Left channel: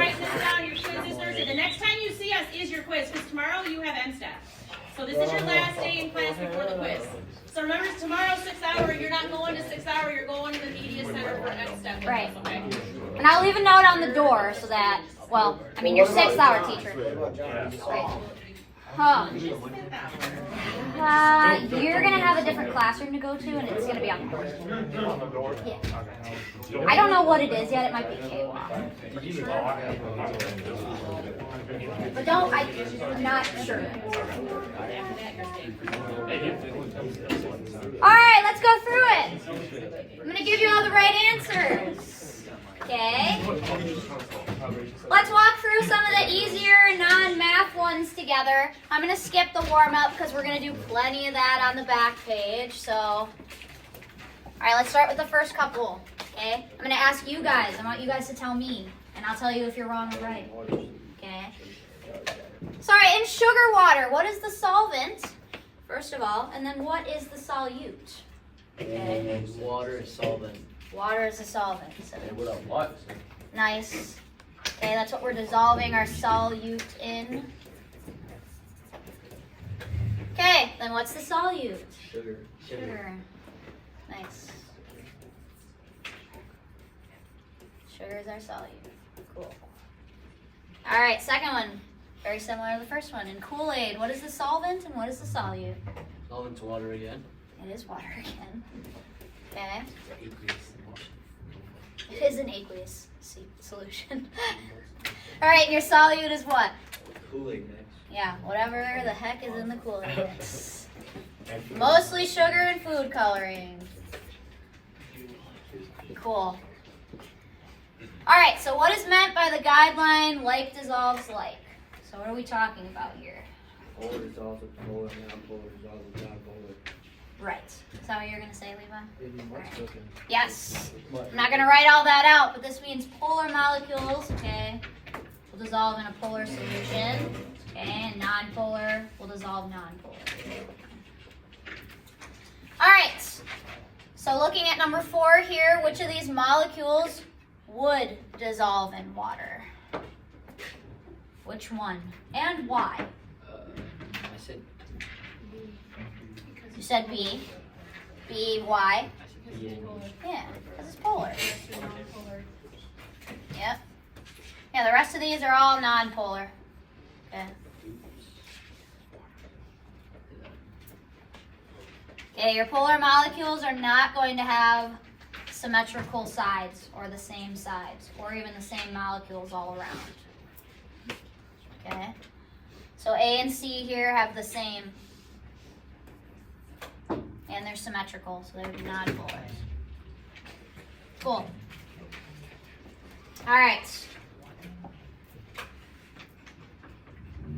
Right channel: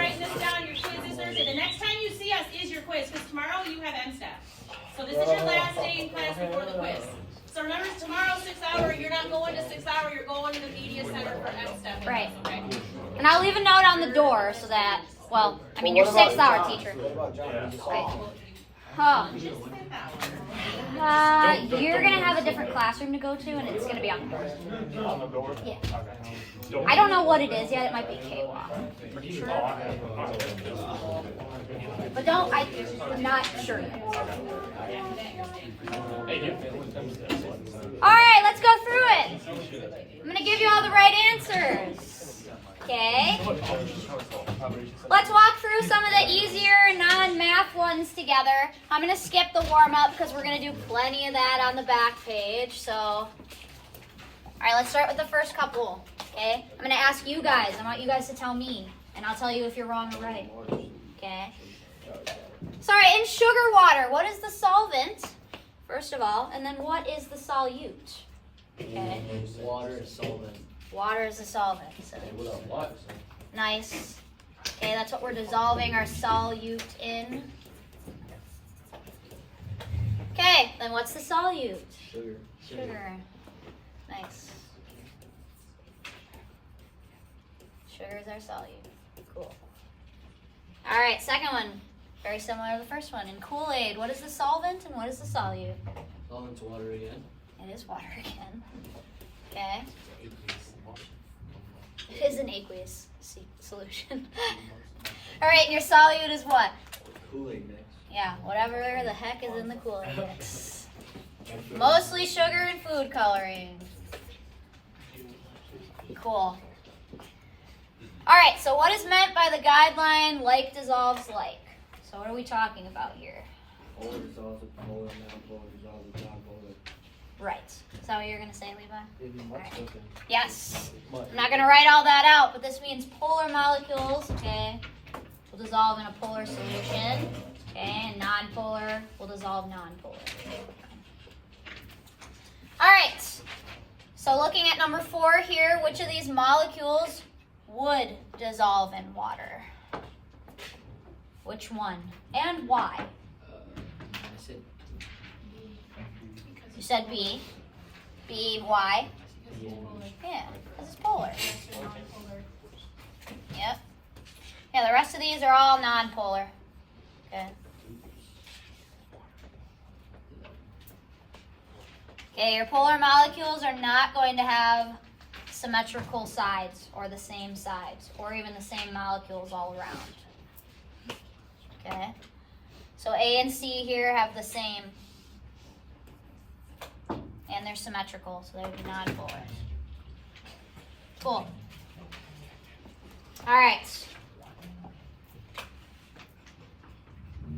writing this down. Your quiz is Thursday. The next time you see us is your quiz, because tomorrow you have MSTAT. So this is your last day in class before the quiz. So remember, tomorrow 6 hour, you're not going to 6 hour, you're going to the media center for MSTAT. Right. Okay. And I'll leave a note on the door so that, well, I mean, your 6 hour teacher. Right. Huh. You're going to have a different classroom to go to, and it's going to be on the door. Yeah. I don't know what it is yet. It might be K-Walk. But I'm not sure. All right, let's go through it. I'm going to give you all the right answers. Okay. Let's walk through some of the easier non-math ones together. I'm going to skip the warm-up because we're going to do plenty of that on the back page. So, all right, let's start with the first couple. Okay. I'm going to ask you guys. I want you guys to tell me, and I'll tell you if you're wrong or right. Okay. Sorry, in sugar water, what is the solvent, first of all, and then what is the solute? Okay. Water is solvent. Water is a solvent. So What? nice. Okay, that's what we're dissolving our solute in. Okay, then what's the solute? Sugar. Sugar. Nice. Sugar is our solute. Cool. All right, second one. Very similar to the first one. In Kool-Aid, what is the solvent and what is the solute? Solvent's water again. It is water again. Okay. It is an aqueous solution. All right, and your solute is what? Kool-Aid next. Yeah, whatever the heck is in the Kool-Aid mix. Mostly sugar and food coloring. Cool. All right, so what is meant by the guideline like dissolves like? So what are we talking about here? Polar dissolves with polar, non-polar dissolves with non-polar. Right. Is that what you're going to say, Levi? What's cooking? Yes. I'm not going to write all that out, but this means polar molecules, okay, will dissolve in a polar solution, okay, and non-polar will dissolve non-polar. All right. So looking at number 4 here, which of these molecules would dissolve in water? Which one? And why? I said You said B. B, why? yeah. Yeah, because it's polar. Yep. Yeah, the rest of these are all non-polar. Okay. Okay, your polar molecules are not going to have symmetrical sides or the same sides or even the same molecules all around. Okay. So A and C here have the same, and they're symmetrical, so they would be non-polar. Cool. All right.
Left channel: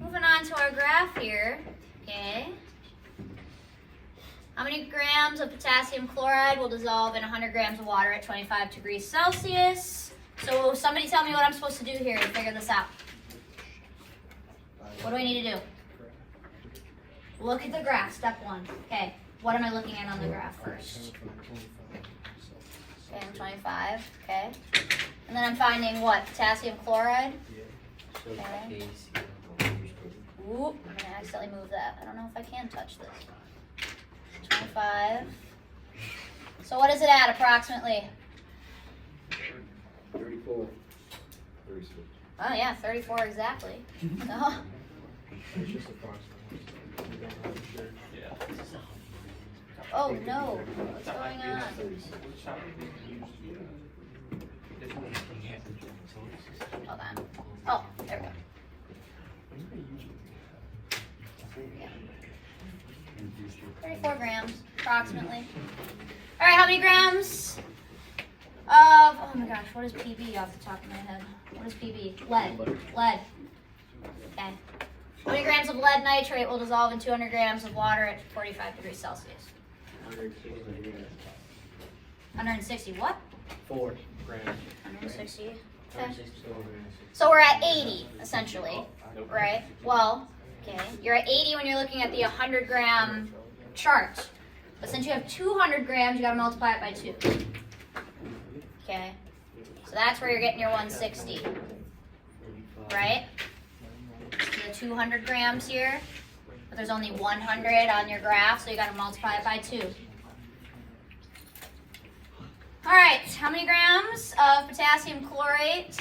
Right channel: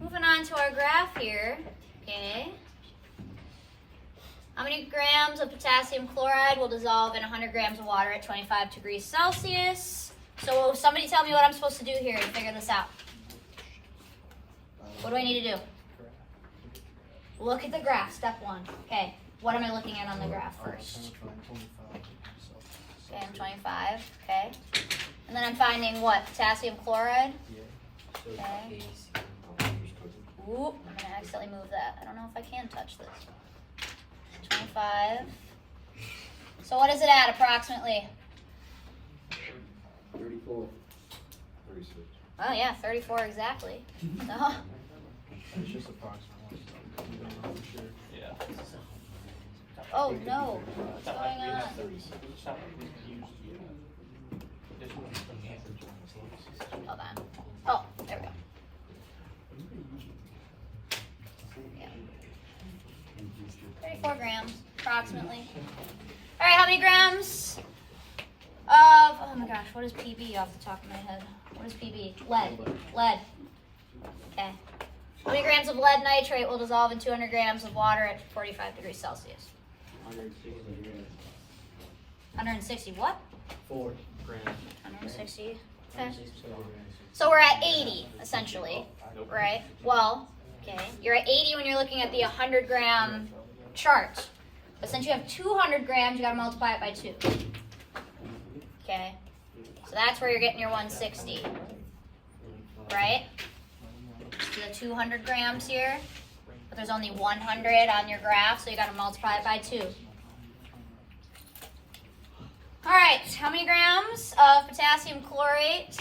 Moving on to our graph here. Okay. How many grams of potassium chloride will dissolve in 100 grams of water at 25 degrees Celsius? So somebody tell me what I'm supposed to do here to figure this out. What do I need to do? Look at the graph, step 1. Okay, what am I looking at on the graph first? Okay, I'm 25, okay. And then I'm finding what? Potassium chloride? Okay. Oop, I'm gonna accidentally move that. I don't know if I can touch this. 25. So what is it at approximately? 34. 36. Oh yeah, 34 exactly. So, It's just approximately. oh no, what's going on? Hold on. Oh, there we go. Yeah. 34 grams, approximately. All right, how many grams of, oh my gosh, what is PB off the top of my head? What is PB? Lead. Lead. Okay. How many grams of lead nitrate will dissolve in 200 grams of water at 45 degrees Celsius? 160 what? 4 grams. 160. Okay. So we're at 80, essentially, right? Well, okay, you're at 80 when you're looking at the 100 gram chart. But since you have 200 grams, you gotta multiply it by 2. Okay, so that's where you're getting your 160. right? So you have 200 grams here, but there's only 100 on your graph, so you gotta multiply it by 2. All right, how many grams of potassium chlorate,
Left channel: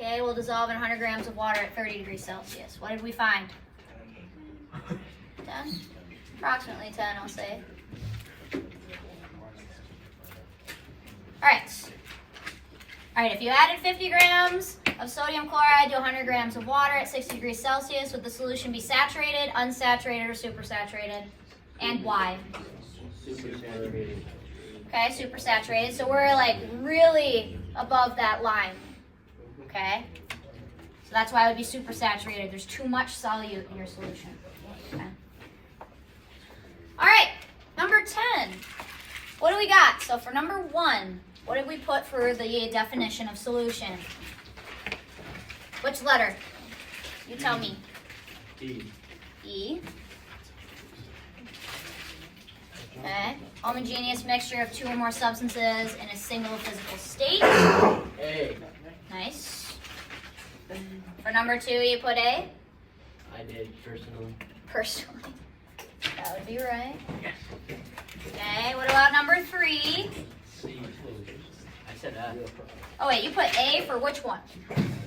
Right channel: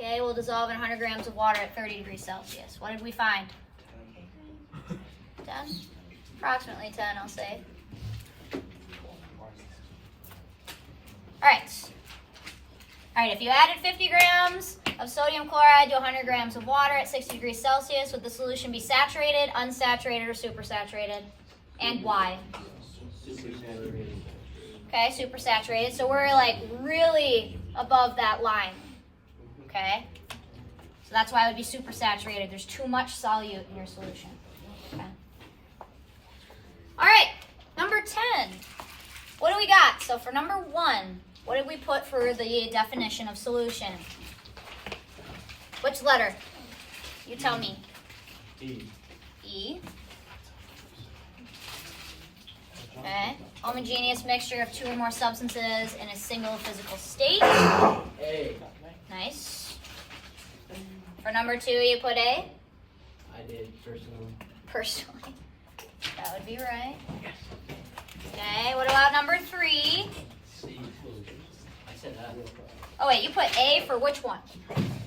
okay, will dissolve in 100 grams of water at 30 degrees Celsius? What did we find? 10? Approximately 10, I'll say. All right, if you added 50 grams of sodium chloride to 100 grams of water at 60 degrees Celsius, would the solution be saturated, unsaturated, or supersaturated? And why? Okay, supersaturated. So we're like really above that line. Okay? So that's why it would be supersaturated. There's too much solute in your solution. Okay. All right, number 10. What do we got? So for number 1, what did we put for the definition of solution? Which letter? You tell me. E. E. Okay. Homogeneous mixture of 2 or more substances in a single physical state. A. Nice. For number 2, you put A? I did, personally. Personally. That would be right. Okay, what about number 3? C. I said F. Oh wait, you put A for which one?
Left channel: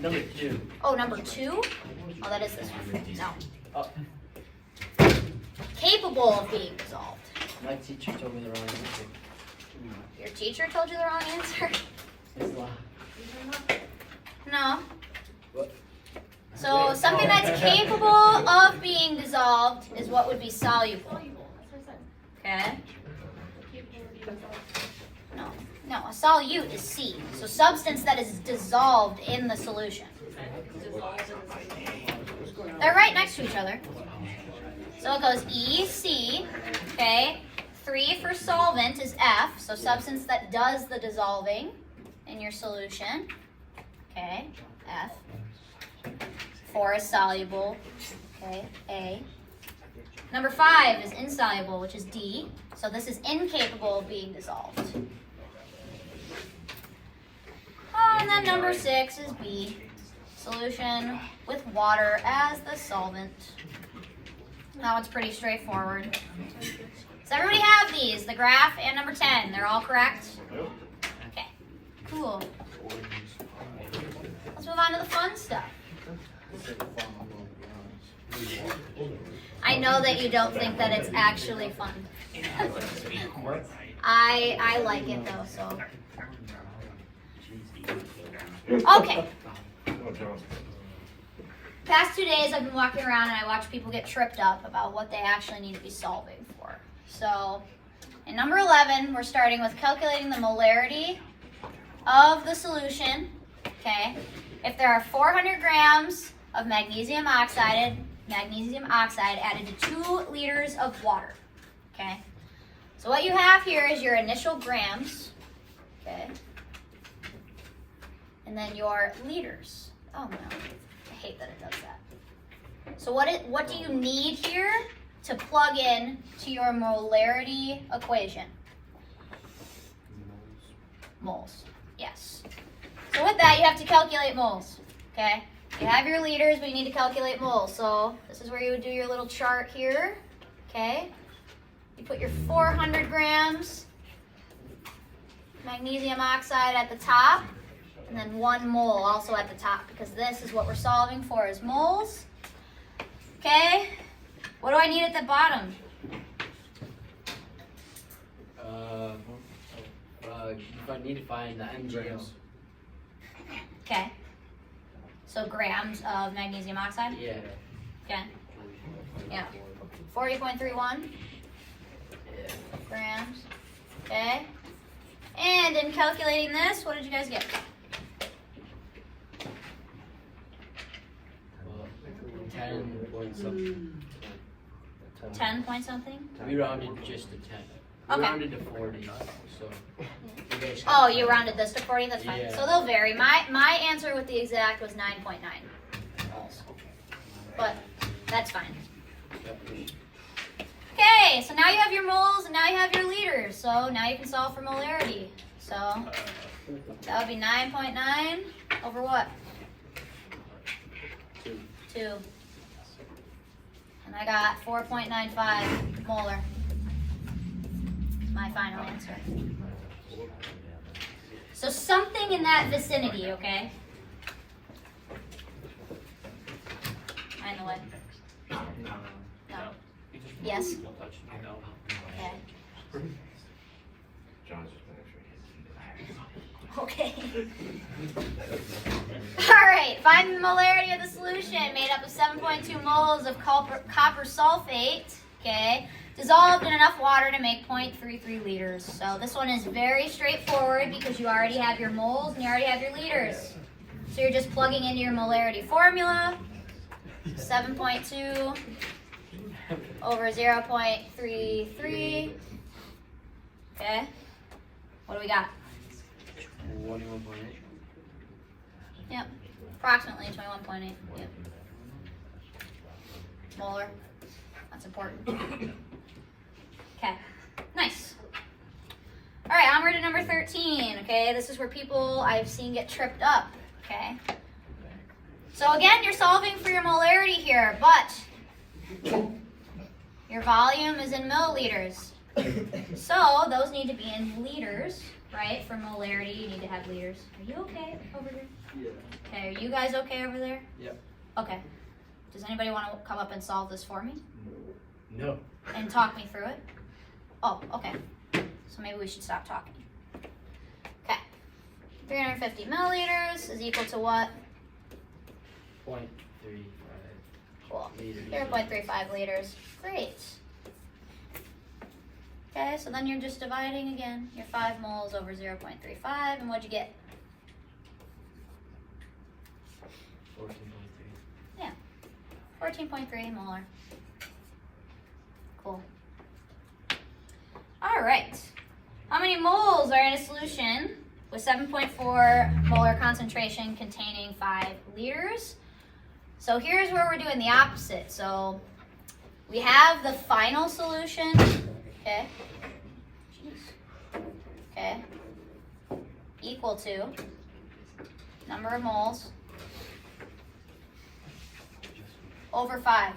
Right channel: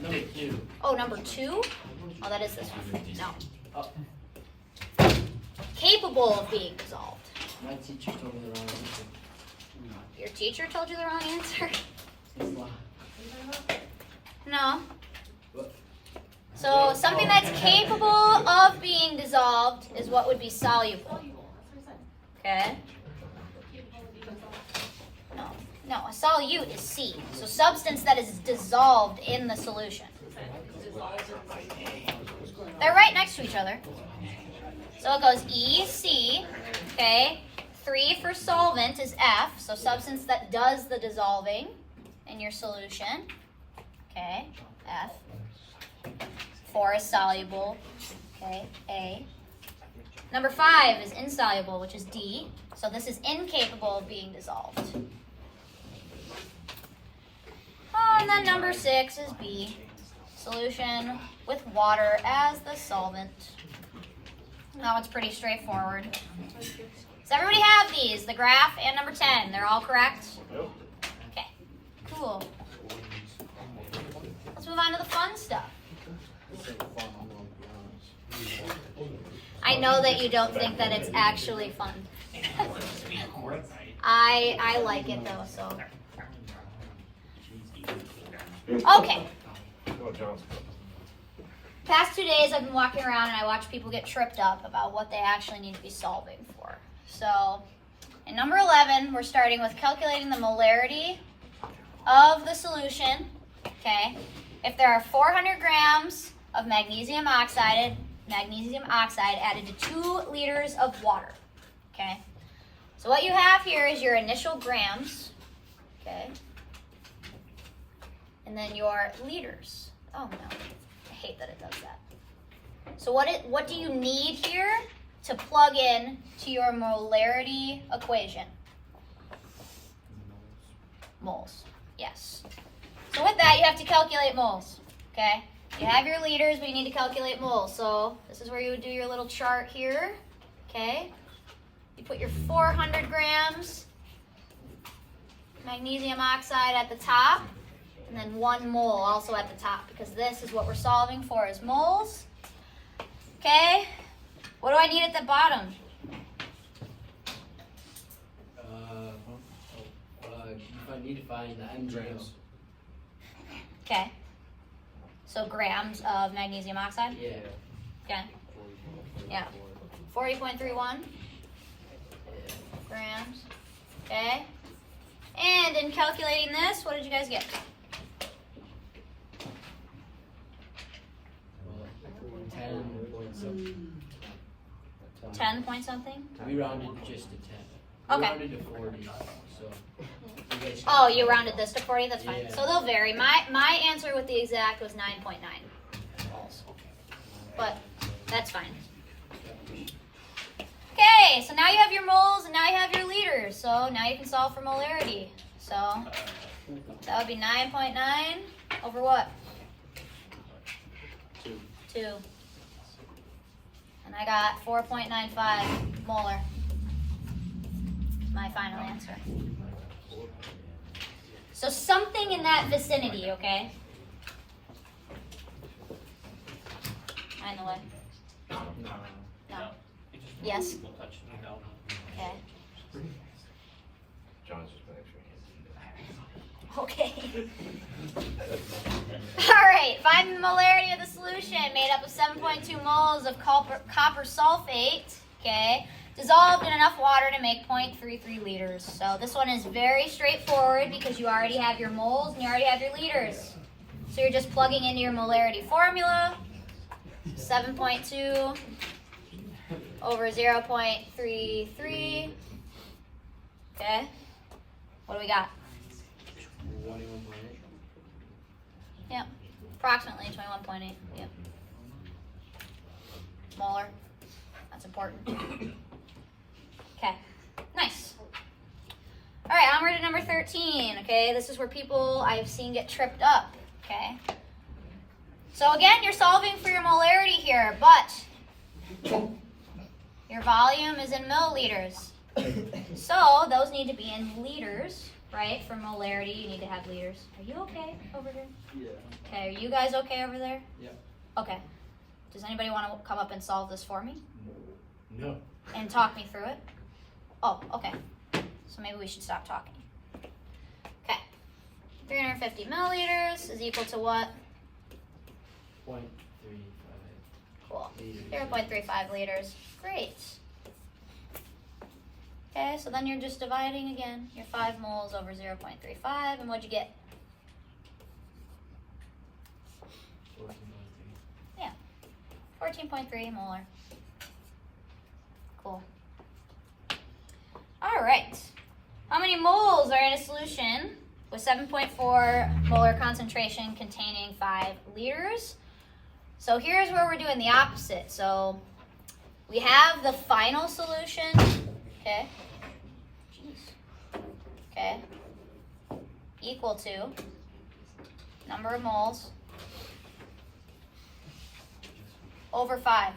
Number 2. Oh, number 2? Oh, that is this one. No. Oh, Capable of being dissolved. my teacher told me the wrong answer. Your teacher told you the wrong answer? It's law. No. What? So something that's capable of being dissolved is what would be soluble. Okay? No, a solute is C. So substance that is dissolved in the solution. They're right next to each other. So it goes E, C, okay? 3 for solvent is F, so substance that does the dissolving in your solution. Okay, F. 4 is soluble, okay, A. Number 5 is insoluble, which is D. So this is incapable of being dissolved. Oh, and then number 6 is B. Solution with water as the solvent. Now it's pretty straightforward. Does everybody have these? The graph and number 10. They're all correct? Yep. Okay, cool. Let's move on to the fun stuff. I know that you don't think that it's actually fun. I like it though, so. Okay. Past 2 days I've been walking around and I watch people get tripped up about what they actually need to be solving for. So, in number 11, we're starting with calculating the molarity of the solution. Okay. If there are 400 grams of magnesium oxide added to 2 liters of water. Okay. So what you have here is your initial grams. Okay. And then your liters. Oh no, I hate that it does that. So what do you need here to plug in to your molarity equation? Moles, yes. So with that, you have to calculate moles, okay? You have your liters, but you need to calculate moles. So this is where you would do your little chart here, okay? You put your 400 grams magnesium oxide at the top, and then 1 mole also at the top, because this is what we're solving for is moles. Okay, what do I need at the bottom? I need to find the MgO. Okay, so grams of magnesium oxide? Yeah. Okay, yeah, 40.31 Yeah. grams, okay. And in calculating this, what did you guys get? 10 point something. 10 point something? We rounded just to 10. Okay. We rounded to 40, so. you guys can- Oh, you rounded this to 40? That's fine. Yeah. So they'll vary. My answer with the exact was 9.9 moles. But that's fine. Okay, so now you have your moles and now you have your liters. So now you can solve for molarity. So that would be 9.9 over what? 2. And I got 4.95 molar. My final answer. So something in that vicinity, okay? Find the way. No. Yes? Okay. Okay. Alright, find the molarity of the solution made up of 7.2 moles of copper sulfate, okay, dissolved in enough water to make 0.33 liters. So this one is very straightforward because you already have your moles and you already have your liters. So you're just plugging into your molarity formula. 7.2 over 0.33. Okay. What do we got? 21.8. Yep. Approximately 21.8. Yep. Molar. That's important. Okay. Nice. All right, onward to number 13. Okay, this is where people I've seen get tripped up. Okay. So again, you're solving for your molarity here, but your volume is in milliliters. So those need to be in liters, right? For molarity, you need to have liters. Are you okay over here? Yeah. Okay, are you guys okay over there? Yep. Okay. Does anybody want to come up and solve this for me? No. And talk me through it? Oh, okay. So maybe we should stop talking. Okay. 350 milliliters is equal to what? 0.35. Cool. Liters. 0.35 liters. Great. Okay, so then you're just dividing again. Your 5 moles over 0.35, and what'd you get? 14.3. Yeah. 14.3 molar. Cool. All right. How many moles are in a solution with 7.4 molar concentration containing 5 liters? So here's where we're doing the opposite. So we have the final solution, okay? Jeez. Okay. Equal to number of moles over 5.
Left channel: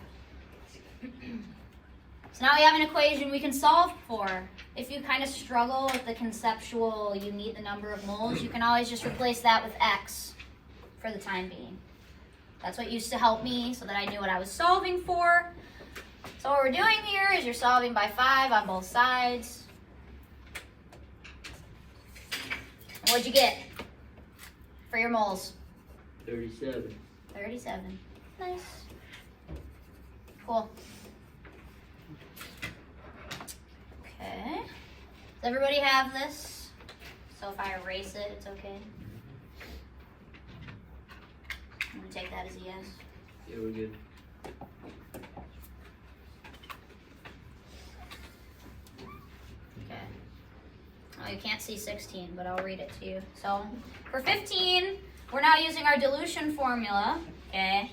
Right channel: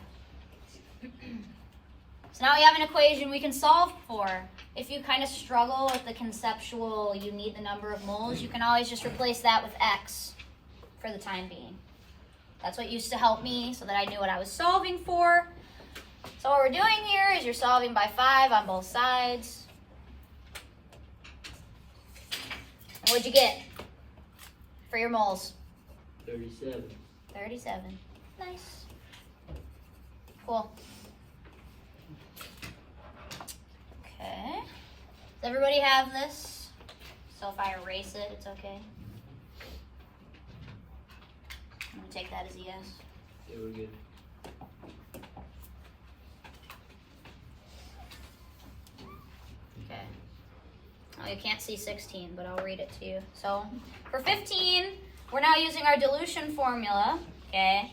So now we have an equation we can solve for. If you kind of struggle with the conceptual, you need the number of moles, you can always just replace that with x for the time being. That's what used to help me so that I knew what I was solving for. So what we're doing here is you're solving by 5 on both sides. And what'd you get for your moles? 37. 37. Nice. Cool. Okay. Does everybody have this? So if I erase it, it's okay? I'm going to take that as a yes. Yeah, we're good. Okay. Oh, you can't see 16, but I'll read it to you. So for 15, we're now using our dilution formula, okay?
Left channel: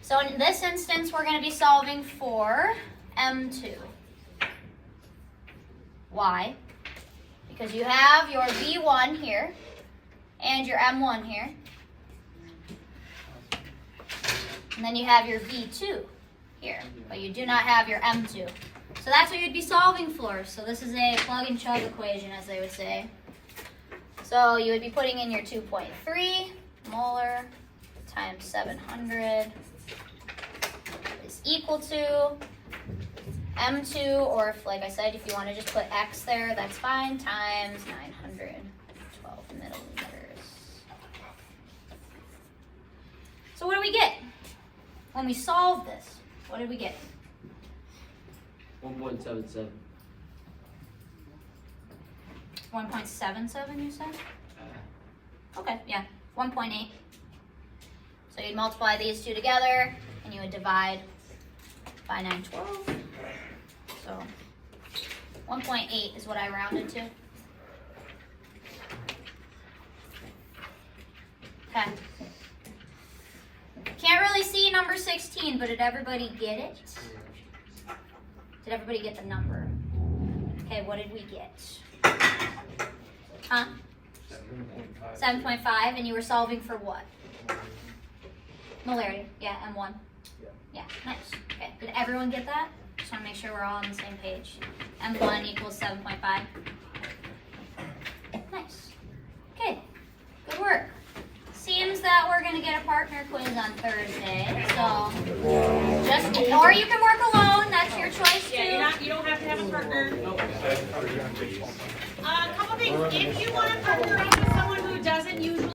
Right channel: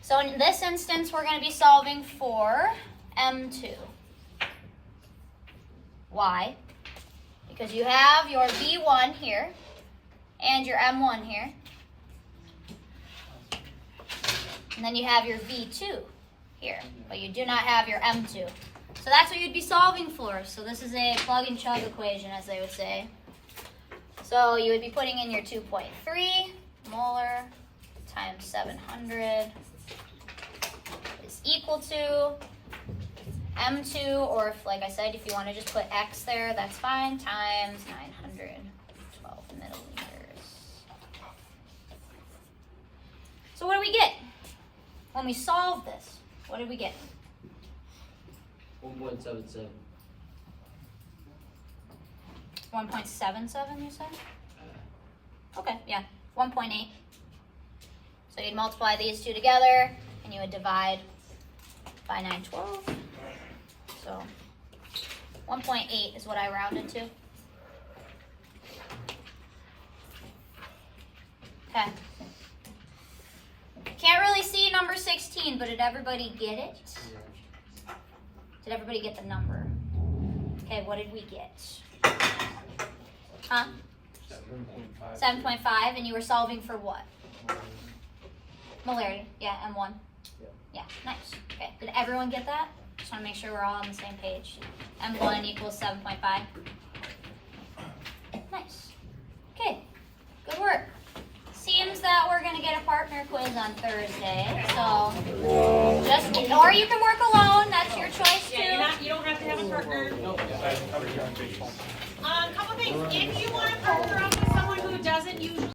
So in this instance, we're going to be solving for M2. Why? Because you have your V1 here and your M1 here. And then you have your V2 here, but you do not have your M2. So that's what you'd be solving for. So this is a plug and chug equation, as they would say. So you would be putting in your 2.3 molar times 700 is equal to M2, or if, like I said, if you want to just put X there, that's fine, times 912 milliliters. So what do we get when we solve this? What did we get? 1.77. 1.77, you said? Okay, yeah, 1.8. So you'd multiply these two together, and you would divide by 912. So 1.8 is what I rounded to. Okay. Can't really see number 16, but did everybody get it? Did everybody get the number? Okay, what did we get? Huh? 7.5, and you were solving for what? Molarity, yeah, M1. Yeah. Yeah, nice. Okay, did everyone get that? Just want to make sure we're all on the same page. M1 equals 7.5. Nice. Okay, good work. Seems that we're gonna get a partner quiz on Thursday, so or you can work alone. That's your choice too. Yeah, you don't have to have a partner. Couple things. If you want to partner up with someone who doesn't usually